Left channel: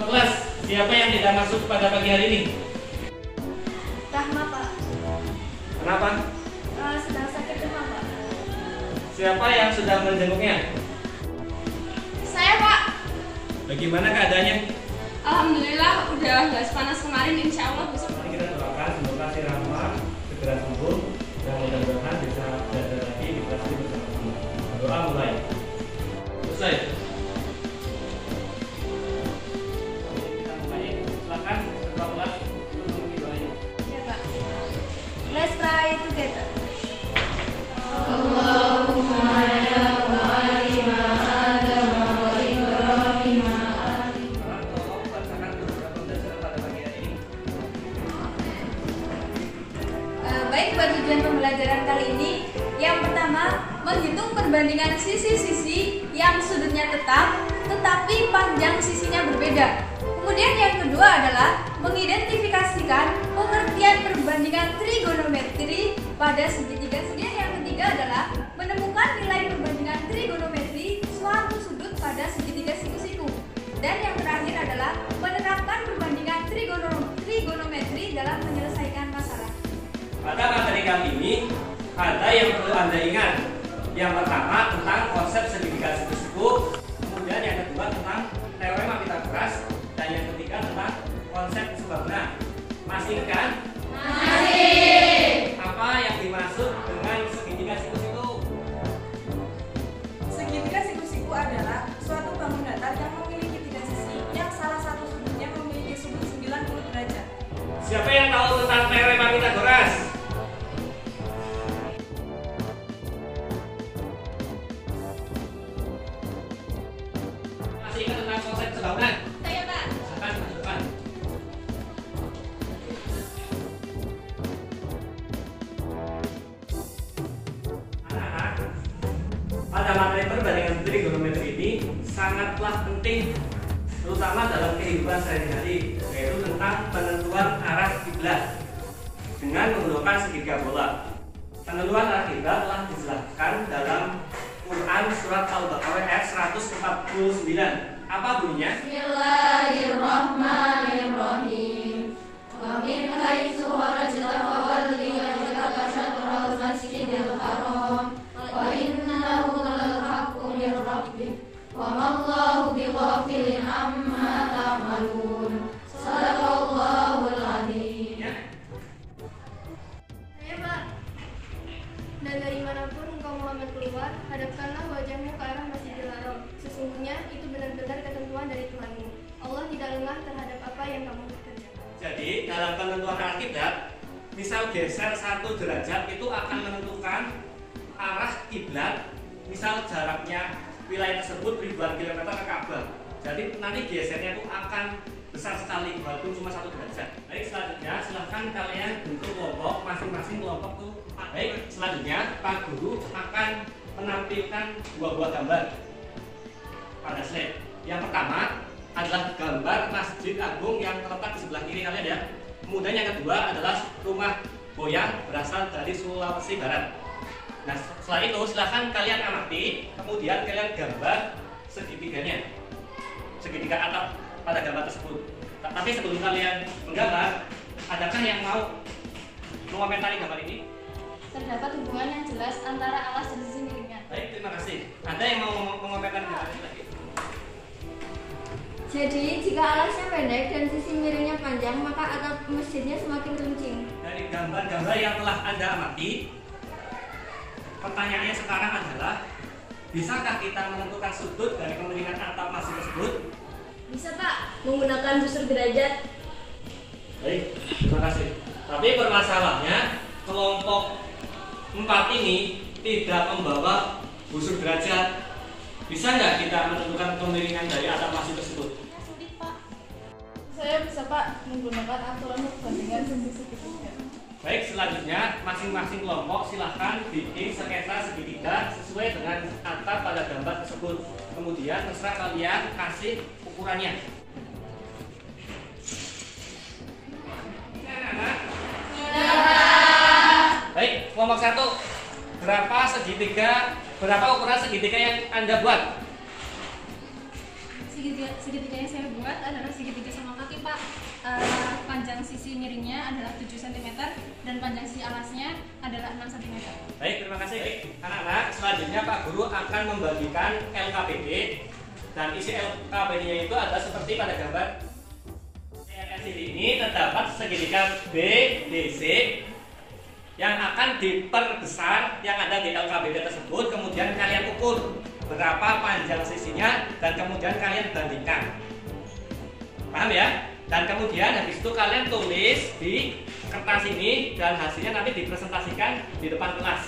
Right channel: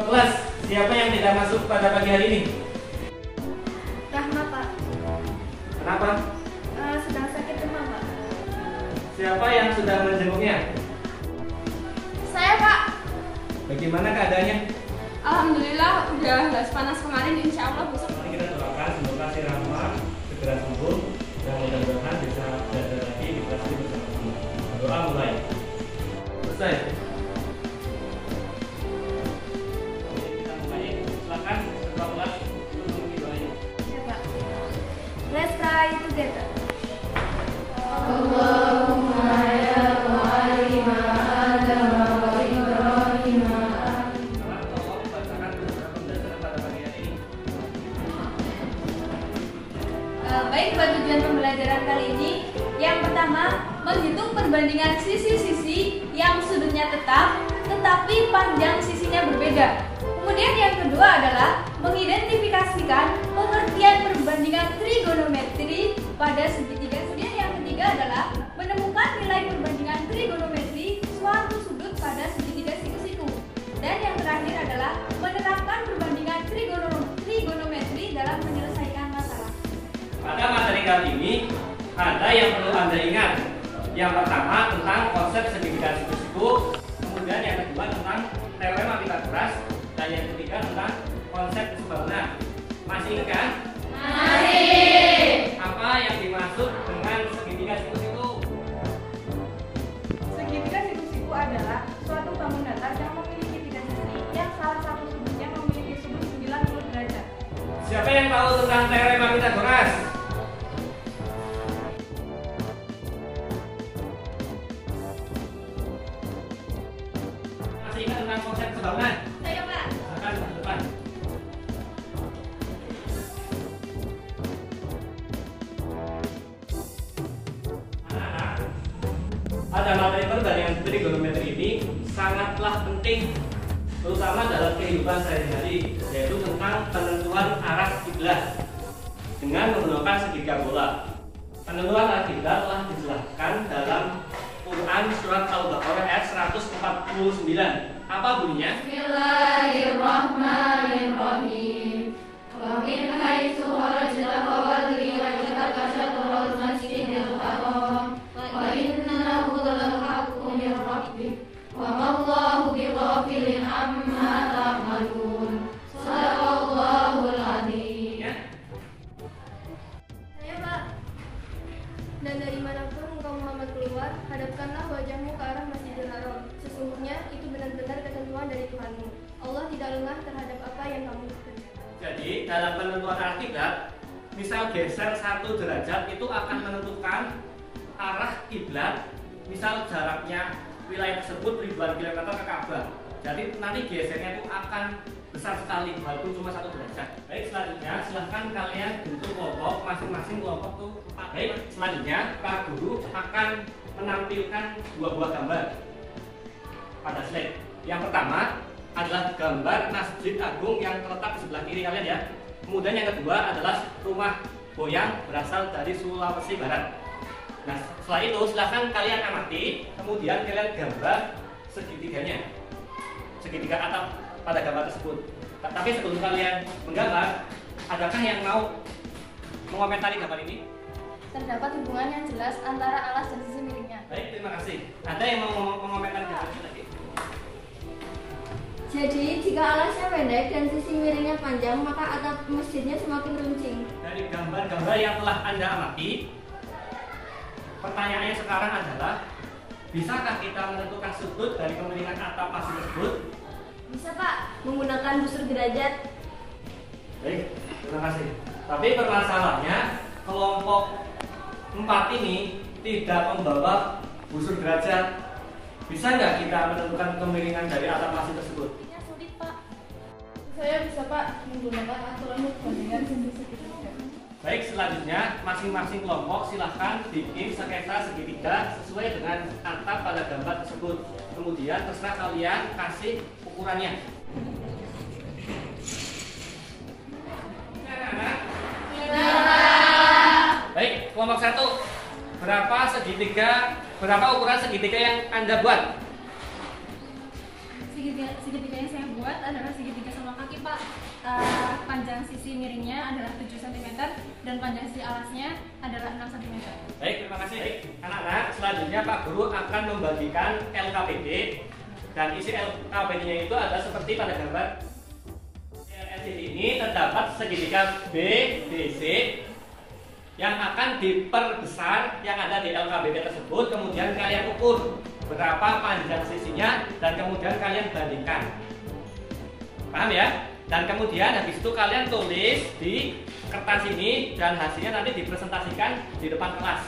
Ketua kelas, siapa yang tidak masuk pada pagi hari ini? Rahma, Pak. Kenapa? Sedang sakit demam, Pak. Siapa yang sudah menjenguknya? Saya, Pak. Bagaimana keadaannya? Alhamdulillah udah nggak sepanas kemarin, insya Allah besok. Mari kita doakan semoga si Rahma segera sembuh dan mudah-mudahan bisa belajar lagi di kelas ini bersama-sama. Doa mulai. Selesai. Kita mulai. Silakan ketua kelas untuk mengikuti doanya. Ya, Pak. Let's try together. Baik, buat tujuan pembelajaran kali ini, yang pertama, menghitung perbandingan sisi-sisi yang sudutnya tetap, tetapi panjang sisinya berbeda. Kemudian yang kedua adalah mengidentifikasikan pengertian perbandingan trigonometri pada segitiga. Kemudian yang ketiga adalah menemukan nilai perbandingan trigonometri suatu sudut pada segitiga siku-siku. Dan yang terakhir adalah menerapkan perbandingan trigonometri dalam menyelesaikan masalah. Pada materi kali ini ada yang perlu Anda ingat. Yang pertama tentang konsep segitiga siku-siku, kemudian yang kedua tentang teorema Pythagoras, dan yang ketiga tentang konsep sebangunan. Masih ingat kan? Masih. Apa yang dimaksud dengan segitiga siku-siku? Segitiga siku-siku adalah suatu bangun datar yang memiliki tiga sisi yang salah satu sudutnya memiliki sudut 90 derajat. Siapa yang tahu tentang teorema Pythagoras? Masih ingat tentang konsep sebangunan? Saya, Pak. Silakan ke depan. Anak-anak, pada materi perbandingan trigonometri ini sangatlah penting, terutama dalam kehidupan sehari-hari, yaitu tentang penentuan arah kiblat dengan menggunakan segitiga bola. Penentuan arah kiblat telah dijelaskan dalam Quran surat Al-Baqarah ayat 149. Apa bunyinya? Bismillahirrahmanirrahim. Wa min haitsu kharajta fawalli wajhaka syatrul masjidil haram wa innahu lal haqqu min rabbik wa mallahu bighafilin amma ta'malun. Shadaqallahul azim. Ya. Saya, Pak. Dan dari manapun engkau Muhammad keluar, hadapkanlah wajahmu ke arah Masjidil Haram. Sesungguhnya itu benar-benar ketentuan dari Tuhanmu. Allah tidak lengah terhadap apa yang kamu kerjakan. Jadi dalam penentuan arah kiblat, misal geser 1 derajat itu akan menentukan arah kiblat. Misal jaraknya wilayah tersebut ribuan kilometer ke Ka'bah. Jadi nanti gesernya itu akan besar sekali walaupun cuma 1 derajat. Baik, selanjutnya silahkan kalian bentuk kelompok, masing-masing kelompok tuh 4. Baik, selanjutnya Pak Guru akan menampilkan 2 buah gambar pada slide. Yang pertama adalah gambar Masjid Agung yang terletak di sebelah kiri kalian ya. Kemudian yang kedua adalah rumah goyang berasal dari Sulawesi Barat. Nah, setelah itu silahkan kalian amati, kemudian kalian gambar segitiganya, segitiga atap pada gambar tersebut. Tapi sebelum kalian menggambar, adakah yang mau mengomentari gambar ini? Terdapat hubungan yang jelas antara alas dan sisi miringnya. Baik, terima kasih. Ada yang mau mengomentari gambar ini lagi? Jadi, jika alasnya pendek dan sisi miringnya panjang, maka atap masjidnya semakin runcing. Dari gambar-gambar yang telah Anda amati, pertanyaannya sekarang adalah, bisakah kita menentukan sudut dari kemiringan atap masjid tersebut? Bisa, Pak, menggunakan busur derajat. Baik, terima kasih. Tapi permasalahannya, kelompok 4 ini tidak membawa busur derajat. Bisa nggak kita menentukan kemiringan dari atap masjid tersebut? Sulit, Pak. Saya bisa, Pak, menggunakan aturan perbandingan sisi segitiga. Baik, selanjutnya masing-masing kelompok silahkan bikin sketsa segitiga sesuai dengan atap pada gambar tersebut. Kemudian terserah kalian kasih ukurannya. Nah. Baik, kelompok 1. Berapa ukuran segitiga yang Anda buat? Segitiga yang saya buat adalah segitiga panjang sisi miringnya adalah 7 cm dan panjang sisi alasnya adalah 6 cm. Baik, terima kasih. Baik, anak-anak, selanjutnya Pak Guru akan membagikan LKPD dan isi LKPD-nya itu ada seperti pada gambar. LCD ini terdapat segitiga BDC yang akan diperbesar yang ada di LKPD tersebut, kemudian kalian ukur berapa panjang sisinya dan kemudian kalian bandingkan. Paham ya? Dan kemudian habis itu kalian tulis di kertas ini dan hasilnya nanti dipresentasikan di depan kelas.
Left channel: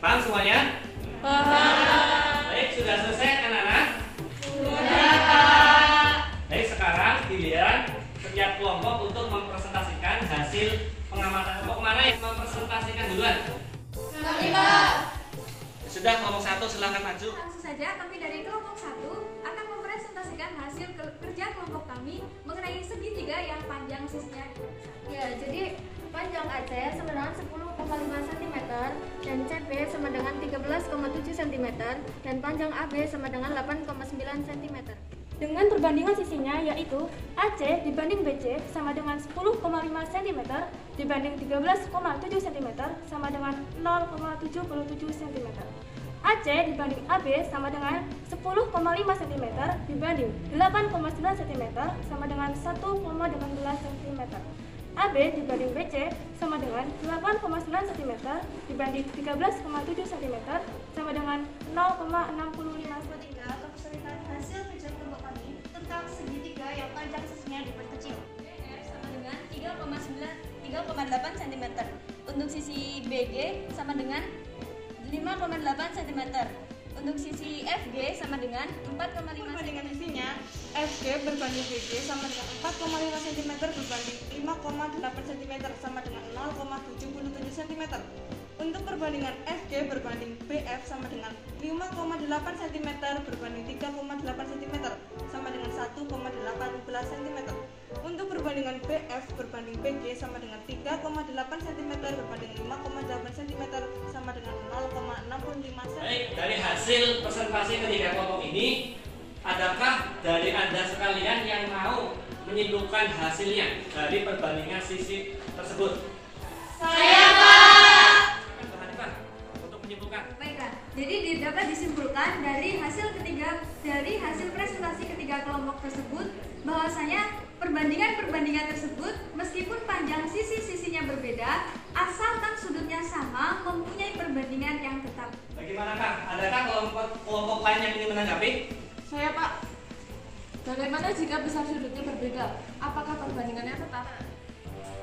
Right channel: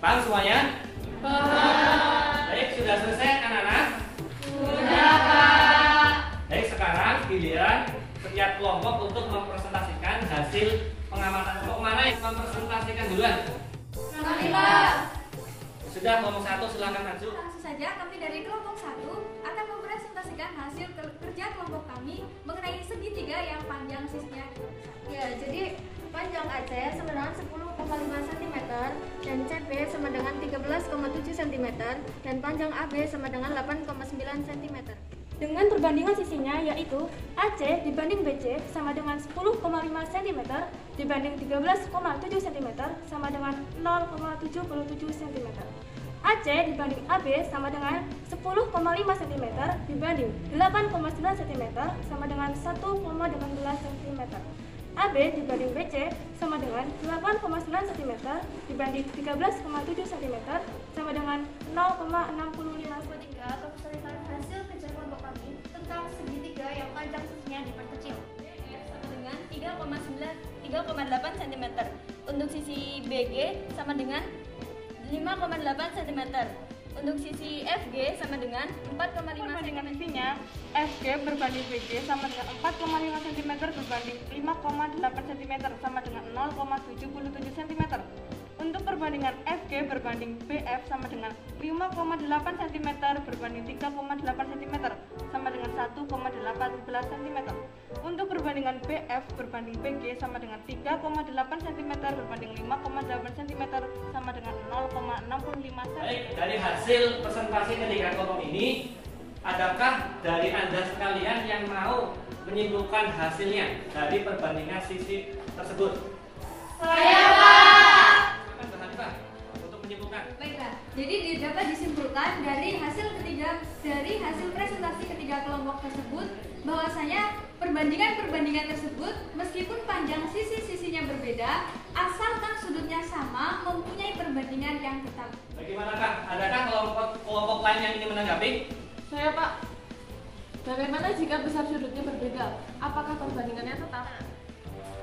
Paham semuanya? Baik, sudah selesai anak-anak? Sudah, Pak. Baik, sekarang giliran setiap kelompok untuk mempresentasikan hasil pengamatan. Kelompok mana yang mempresentasikan duluan? Kami, Pak. Sudah, kelompok 1 silahkan maju. Langsung saja kami dari kelompok 1 akan mempresentasikan hasil kerja kelompok kami mengenai segitiga yang panjang sisinya. Ya, jadi panjang AC sama dengan 10,5 cm dan CB sama dengan 13,7 cm dan panjang AB sama dengan 8,9 cm. Dengan perbandingan sisinya yaitu AC dibanding BC sama dengan 10,5 cm dibanding 13,7 cm sama dengan 0,77 cm. AC dibanding AB sama dengan 10,5 cm dibanding 8,9 cm sama dengan 1,18 cm. AB dibanding BC sama dengan 8,9 cm dibanding 13,7 cm sama dengan 0,65 cm. Kesulitan hasil kerja kelompok kami tentang segitiga yang panjang sisinya diperkecil. Sama dengan 3,8 cm. Untuk sisi BG sama dengan 5,8 cm. Untuk sisi FG sama dengan 4,5 Perbandingan cm. sisinya FG berbanding BG sama dengan 4,5 cm berbanding 5,8 cm sama dengan 0,77 cm. Untuk perbandingan FG berbanding BF sama dengan 5,8 cm berbanding 3,8 cm sama dengan 1,18 cm. Untuk perbandingan BF berbanding BG sama dengan 3,8 cm berbanding 5,8 cm sama dengan 0,65 cm. Baik, dari hasil presentasi ketiga kelompok ini, adakah dari Anda sekalian yang mau menyimpulkan hasilnya dari perbandingan sisi tersebut? Saya, Pak. Bahan Pak untuk menyimpulkan. Baiklah, jadi dapat disimpulkan dari hasil presentasi ketiga kelompok tersebut bahwasanya perbandingan tersebut meskipun panjang sisi-sisinya berbeda, asalkan sudutnya sama, mempunyai perbandingan yang tetap. Bagaimanakah? Adakah kelompok lain yang ingin menanggapi? Saya, Pak. Bagaimana jika besar sudutnya berbeda? Apakah perbandingannya tetap?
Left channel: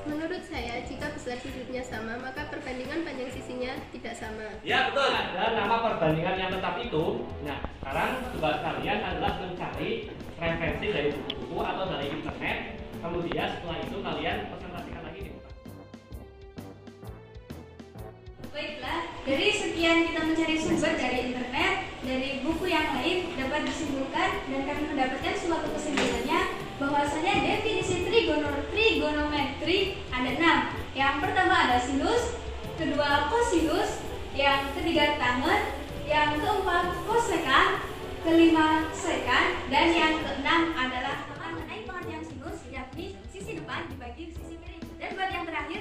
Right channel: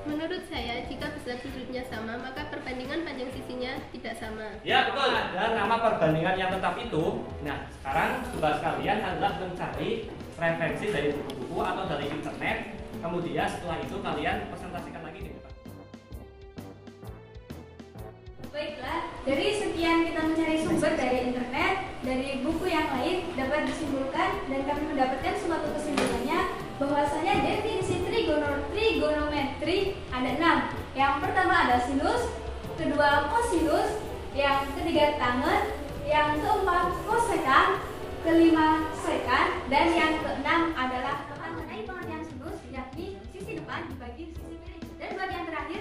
Menurut saya, jika besar sudutnya sama, maka perbandingan panjang sisinya tidak sama. Ya betul, ada nama perbandingan yang tetap itu. Nah, sekarang tugas kalian adalah mencari referensi dari buku-buku atau dari internet. Kemudian setelah itu kalian presentasikan lagi di depan. Baiklah, dari sekian kita mencari sumber dari internet, dari buku yang lain dapat disimpulkan dan kami mendapatkan suatu kesimpulannya bahwasanya definisi trigonometri ada 6. Yang pertama ada sinus, kedua kosinus, yang ketiga tangen, yang keempat kosekan, kelima sekan, dan yang keenam adalah mengenai pengertian sinus, yakni sisi depan dibagi sisi miring, dan buat yang terakhir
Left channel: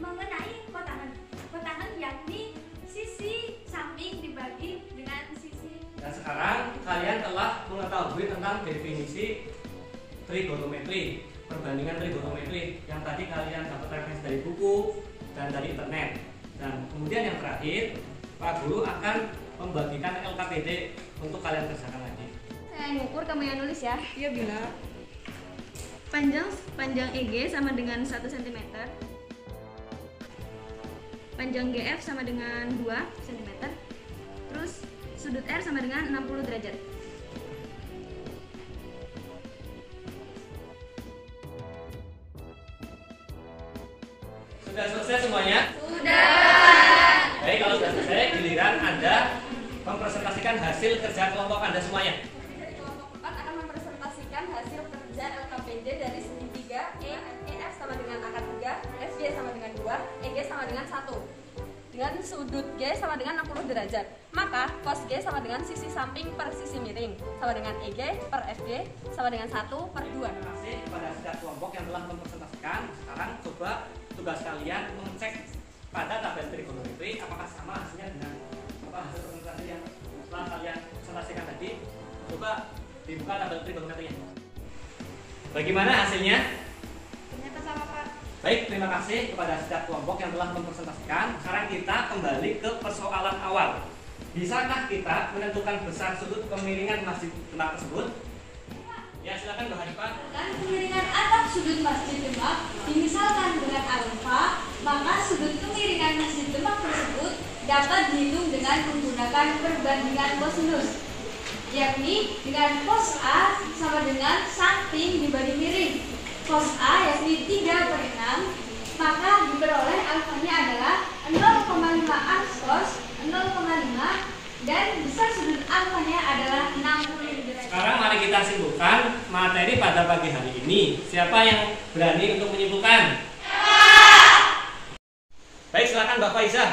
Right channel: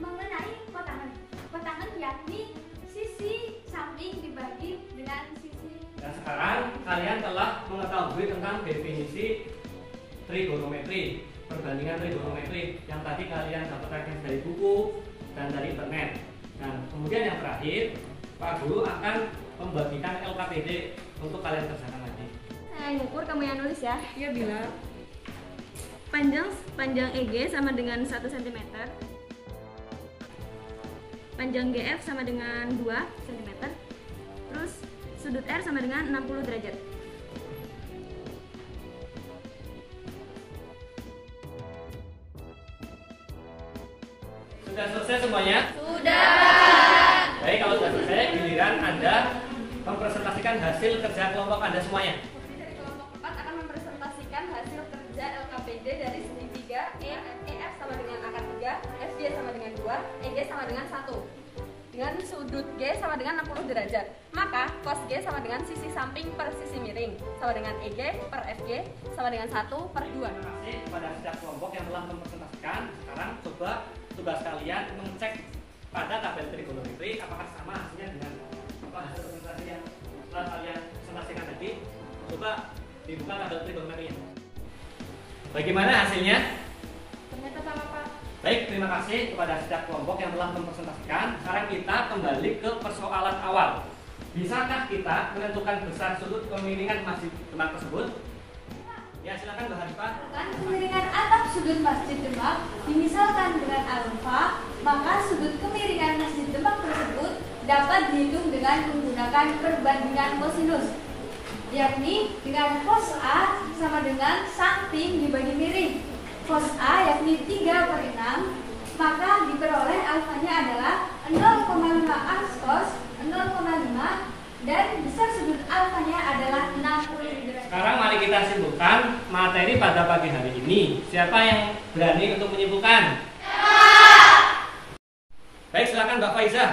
mengenai kotangan yakni sisi samping dibagi dengan sisi. Dan sekarang kalian telah mengetahui tentang definisi trigonometri, perbandingan trigonometri yang tadi kalian dapat referensi dari buku dan dari internet. Dan kemudian yang terakhir, Pak Guru akan membagikan LKPD untuk kalian kerjakan lagi. Saya ngukur, kamu yang nulis ya. Iya, Bila. Panjang EG sama dengan 1 cm. Panjang GF sama dengan 2 cm. Terus sudut R sama dengan 60 derajat. Sudah selesai semuanya? Sudah. Baik, kalau sudah selesai, giliran Anda mempresentasikan hasil kerja kelompok Anda semuanya. Dari kelompok 4 akan mempresentasikan hasil kerja LKPD dari segitiga EF sama dengan angka 3, FG sama dengan 2, EG sama dengan 1. Dengan sudut G sama dengan 60 derajat. Maka cos G sama dengan sisi samping per sisi miring sama dengan EG per FG sama dengan 1/2. Terima kasih kepada setiap kelompok yang telah mempresentasikan. Sekarang coba tugas kalian mengecek pada tabel trigonometri apakah sama hasilnya dengan apa hasil presentasi yang telah kalian presentasikan tadi. Coba dibuka tabel trigonometrinya. Bagaimana hasilnya? Ternyata sama, Pak. Baik, terima kasih kepada setiap kelompok yang telah mempresentasikan. Sekarang kita kembali ke persoalan awal. Bisakah kita menentukan besar sudut kemiringan Masjid Demak tersebut? Ya, silakan Mbak Hanifah. Kemiringan atap sudut Masjid Demak dimisalkan dengan alfa, maka sudut kemiringan Masjid Demak tersebut dapat dihitung dengan menggunakan perbandingan kosinus, yakni dengan cos A sama dengan samping dibanding miring. Cos A yakni 3/6, maka diperoleh alfanya adalah 0,5 ans cos 0,5 dan besar sudut alfanya adalah 60 derajat. Sekarang mari kita simpulkan materi pada pagi hari ini. Siapa yang berani untuk menyimpulkan? Baik, silakan Mbak Faiza.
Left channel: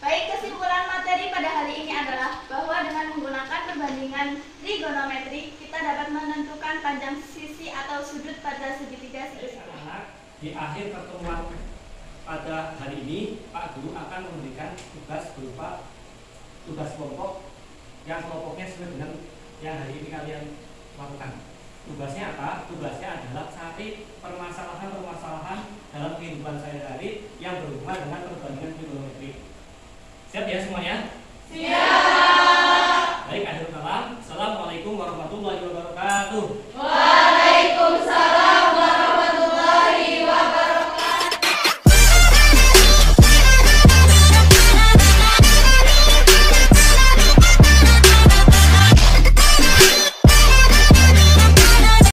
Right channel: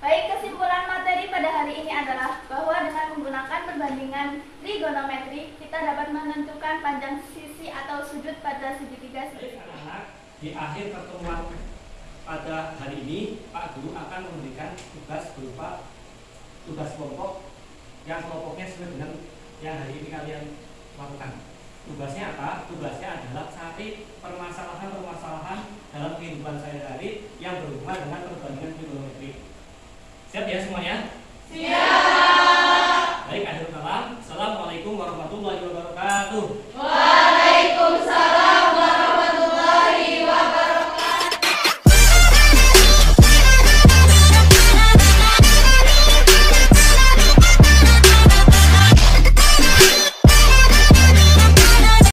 Baik, kesimpulan materi pada hari ini adalah bahwa dengan menggunakan perbandingan trigonometri, kita dapat menentukan panjang sisi atau sudut pada segitiga Baik, segitiga. anak-anak, di akhir pertemuan pada hari ini, Pak Guru akan memberikan tugas berupa tugas kelompok yang kelompoknya sesuai dengan yang hari ini kalian lakukan. Tugasnya apa? Tugasnya adalah cari permasalahan-permasalahan dalam kehidupan sehari-hari yang berhubungan dengan perbandingan trigonometri. Siap ya semuanya? Siap. Baik, akhir kalam. Assalamualaikum warahmatullahi wabarakatuh.